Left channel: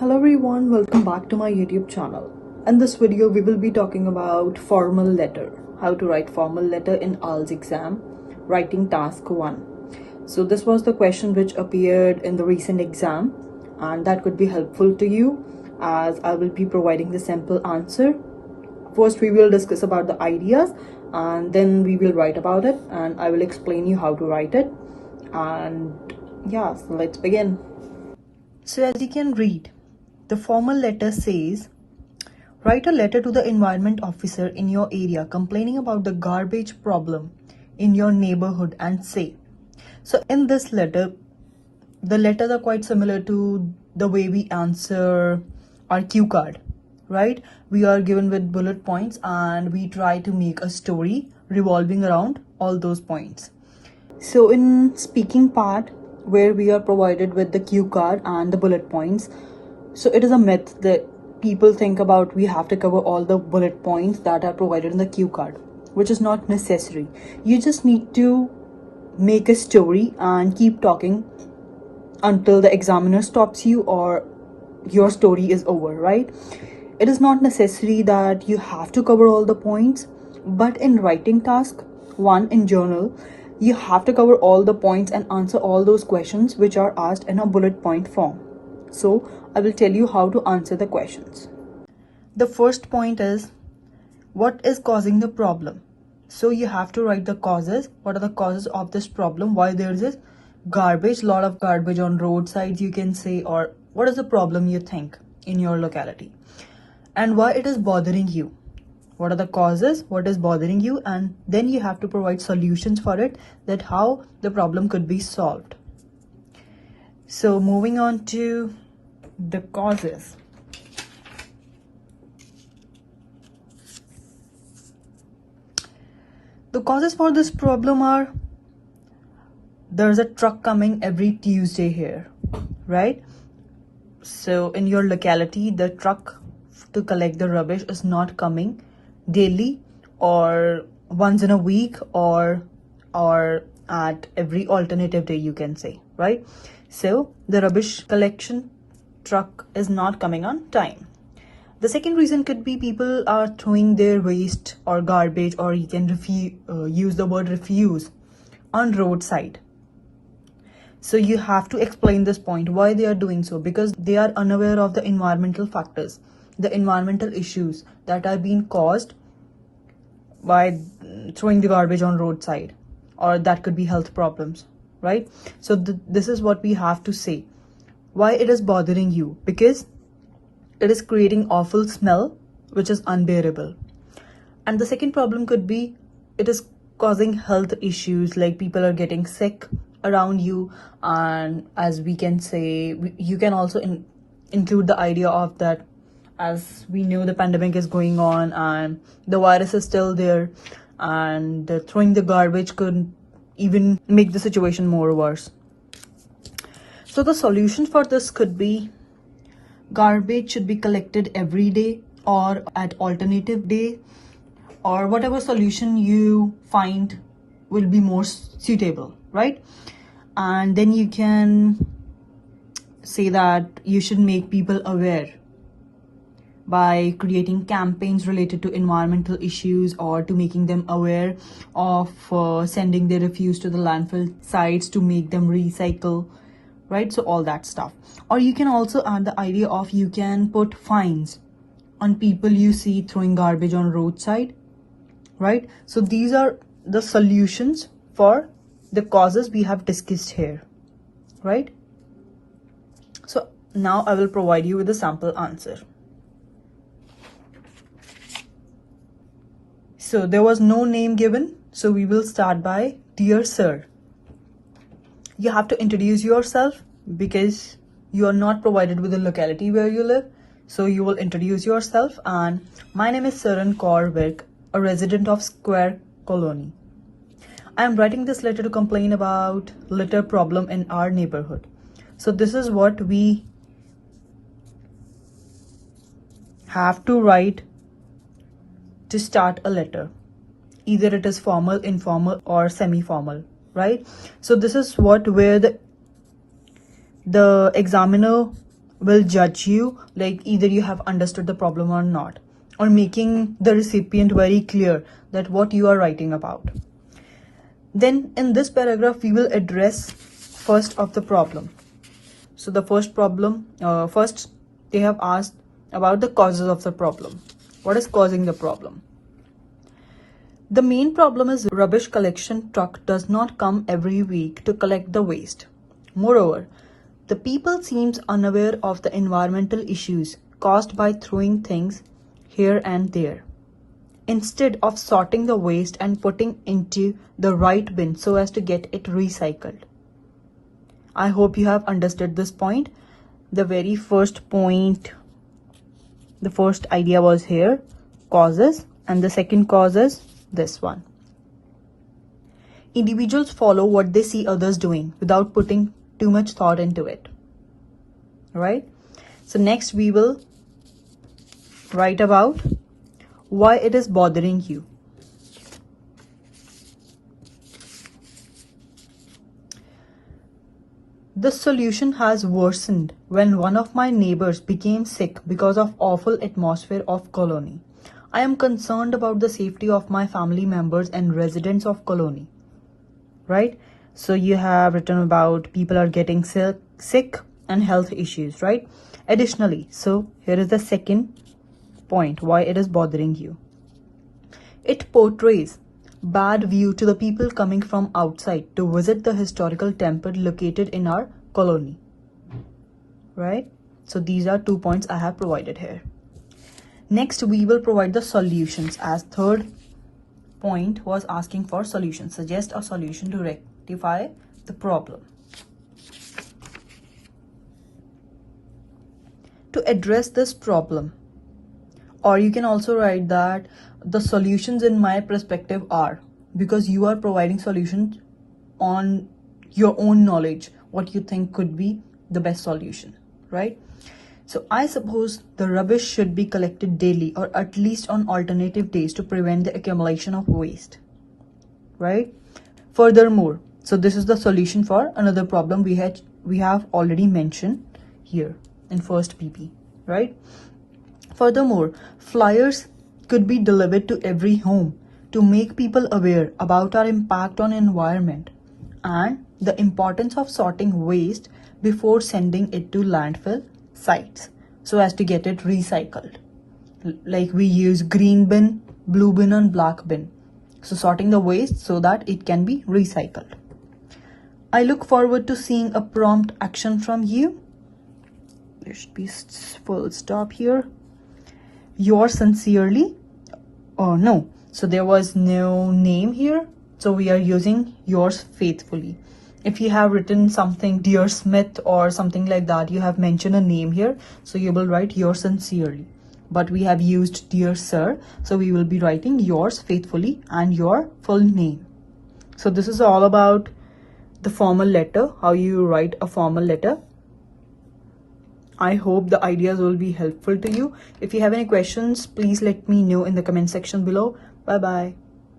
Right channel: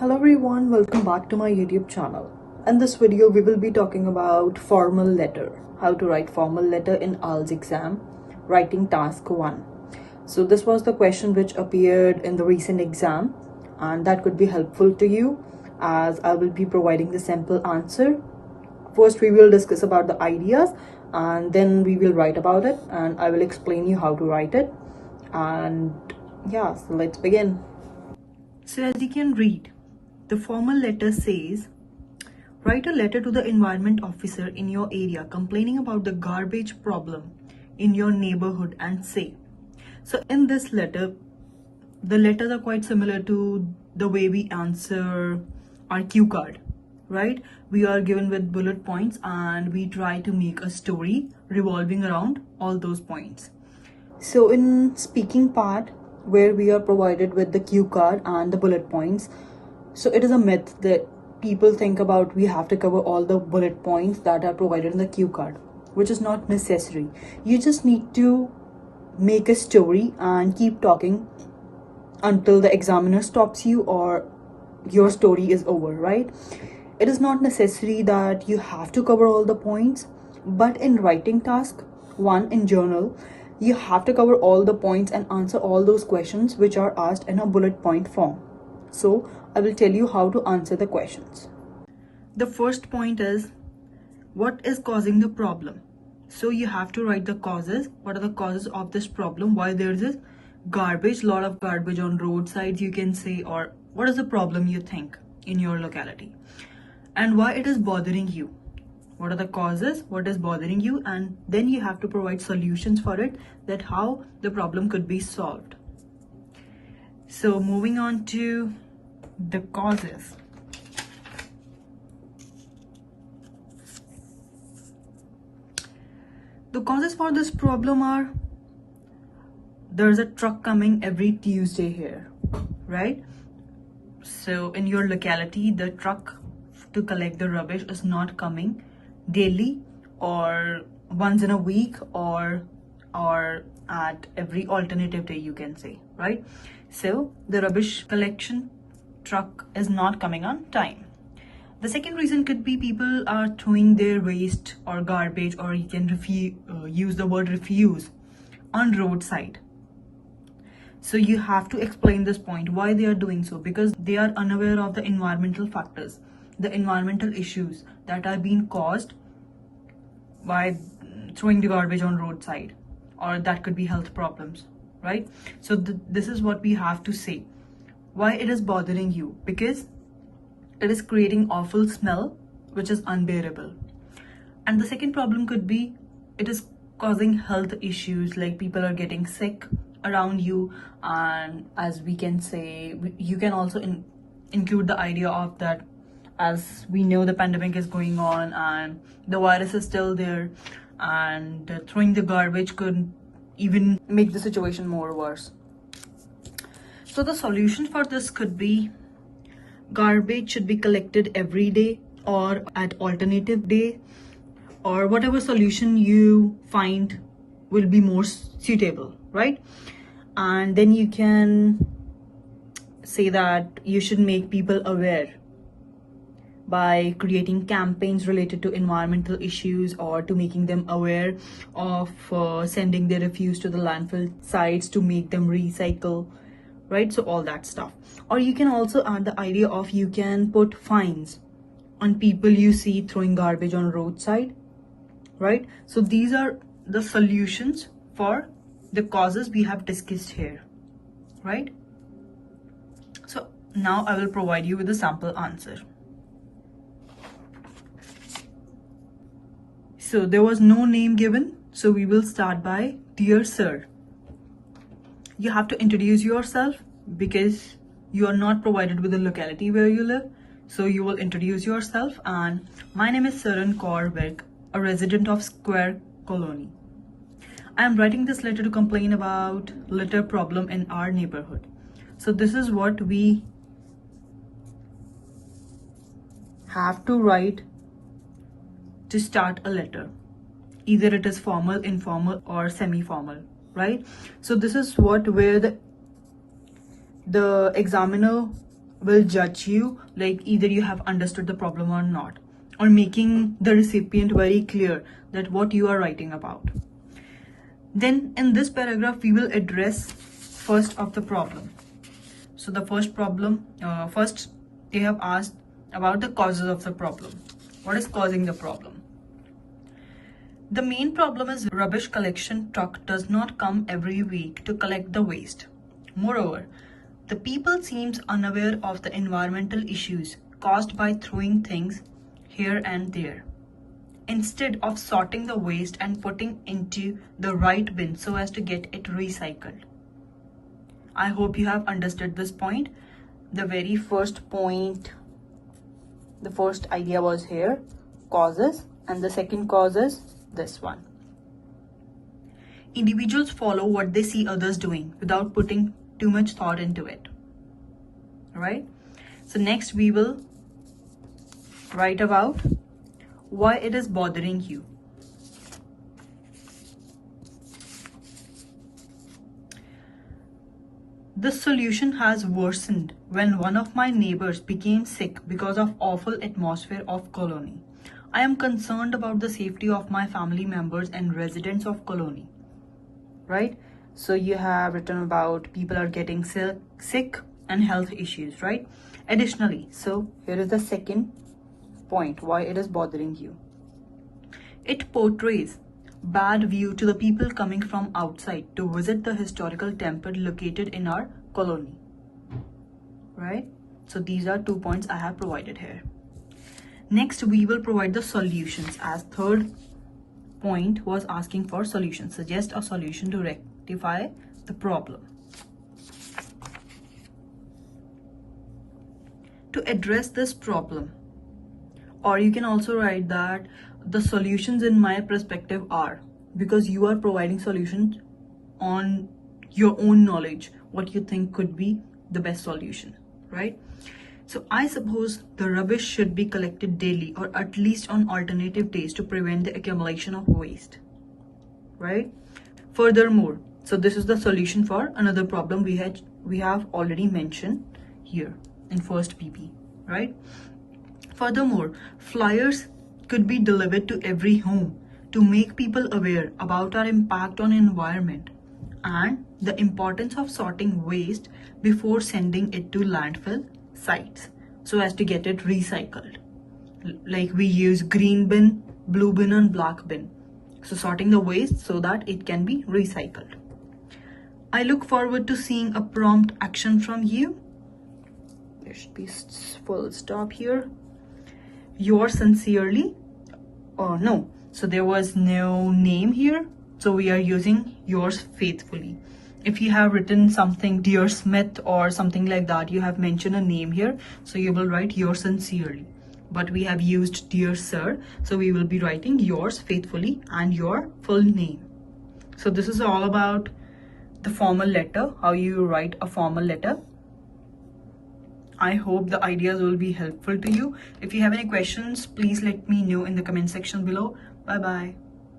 Hello everyone, welcome back to my YouTube channel. In this video, we will be talking about formal letter, how to write formal letter in IELTS exam, writing task 1. So this was the question which appeared in the recent exam, and that could be helpful to you as I will be providing the simple answer. First, we will discuss about the ideas and then we will write about it, and I will explain you how to write it. And yeah, so let's begin. So as you can read, the formal letter says, write a letter to the environment officer in your area complaining about the garbage problem in your neighborhood and say. So in this letter, the letters are quite similar to the way we answer our cue card, right? We are given with bullet points and we try to make a story revolving around all those points. So in speaking part, where we are provided with the cue card and the bullet points, so it is a myth that people think about we have to cover all the bullet points that are provided in the cue card, which is not necessary. You just need to make a story and keep talking until the examiner stops you or your story is over, right? It is not necessary that you have to cover all the points, but in writing task 1 in journal, you have to cover all the points and answer all those questions which are asked in a bullet point form. So I will tell you how to answer the questions. The first point is, what is causing the problem? So you have to write the causes. What are the causes of this problem? Why there is this garbage, lot of garbage on roadsides, you can say, or what is the problem you think in your locality? And why it is bothering you? What are the causes? What is bothering you? And then you have to provide solutions for it, that how the problem could be solved. So moving on to the causes. The causes for this problem are, there's a truck coming every Tuesday here, right? So in your locality, the truck to collect the rubbish is not coming daily or once in a week or at every alternative day, you can say, right? So the rubbish collection truck is not coming on time. The second reason could be people are throwing their waste or garbage, or you can use the word refuse, on roadside. So you have to explain this point, why they are doing so, because they are unaware of the environmental factors, the environmental issues that are being caused by throwing the garbage on roadside, or that could be health problems, right? So this is what we have to say, why it is bothering you, because it is creating awful smell which is unbearable. And the second problem could be, it is causing health issues, like people are getting sick around you. And as we can say, you can also include the idea of that, as we know the pandemic is going on and the virus is still there, and throwing the garbage could even make the situation more worse. So the solution for this could be, garbage should be collected every day or at alternative day, or whatever solution you find will be more suitable, right? And then you can say that you should make people aware by creating campaigns related to environmental issues, or to making them aware of sending their refuse to the landfill sites to make them recycle, right? So all that stuff. Or you can also add the idea of, you can put fines on people you see throwing garbage on roadside, right? So these are the solutions for the causes we have discussed here, right? So now I will provide you with a sample answer. So there was no name given, so we will start by, dear sir. You have to introduce yourself because you are not provided with the locality where you live. So you will introduce yourself, and my name is Saran Kaur Virk, a resident of Square Colony. I am writing this letter to complain about litter problem in our neighborhood. So this is what we have to write to start a letter. Either it is formal, informal, or semi-formal, right? So this is where the examiner will judge you, like either you have understood the problem or not, or making the recipient very clear that what you are writing about. Then in this paragraph, we will address first of the problem. So the first problem, first they have asked about the causes of the problem. What is causing the problem? The main problem is rubbish collection truck does not come every week to collect the waste. Moreover, the people seems unaware of the environmental issues caused by throwing things here and there, instead of sorting the waste and putting into the right bin so as to get it recycled. I hope you have understood this point. The very first point, the first idea was here, causes, and the second cause is this one. Individuals follow what they see others doing without putting too much thought into it. Right? So next we will write about why it is bothering you. The solution has worsened when one of my neighbors became sick because of awful atmosphere of colony. I am concerned about the safety of my family members and residents of colony. Right? So you have written about people are getting sick and health issues, right? Additionally, so here is the second point, why it is bothering you. It portrays bad view to the people coming from outside to visit the historical temple located in our colony. Right? So these are 2 points I have provided here. Next, we will provide the solutions, as third point was asking for solutions. Suggest a solution to rectify the problem. To address this problem, or you can also write that the solutions in my perspective are, because you are providing solutions on your own knowledge, what you think could be the best solution, right? So I suppose the rubbish should be collected daily or at least on alternative days to prevent the accumulation of waste, right? Furthermore, so this is the solution for another problem we have already mentioned here in first PP, right? Furthermore, flyers could be delivered to every home to make people aware about our impact on environment and the importance of sorting waste before sending it to landfill sites so as to get it recycled. Like we use green bin, blue bin and black bin. So sorting the waste so that it can be recycled. I look forward to seeing a prompt action from you. There should be full stop here. Yours sincerely. Oh no, so there was no name here. So we are using yours faithfully. If you have written something, Dear Smith or something like that, you have mentioned a name here. So you will write yours sincerely. But we have used Dear Sir. So we will be writing yours faithfully and your full name. So this is all about the formal letter, how you write a formal letter. I hope the ideas will be helpful to you. If you have any questions, please let me know in the comment section below. Bye bye.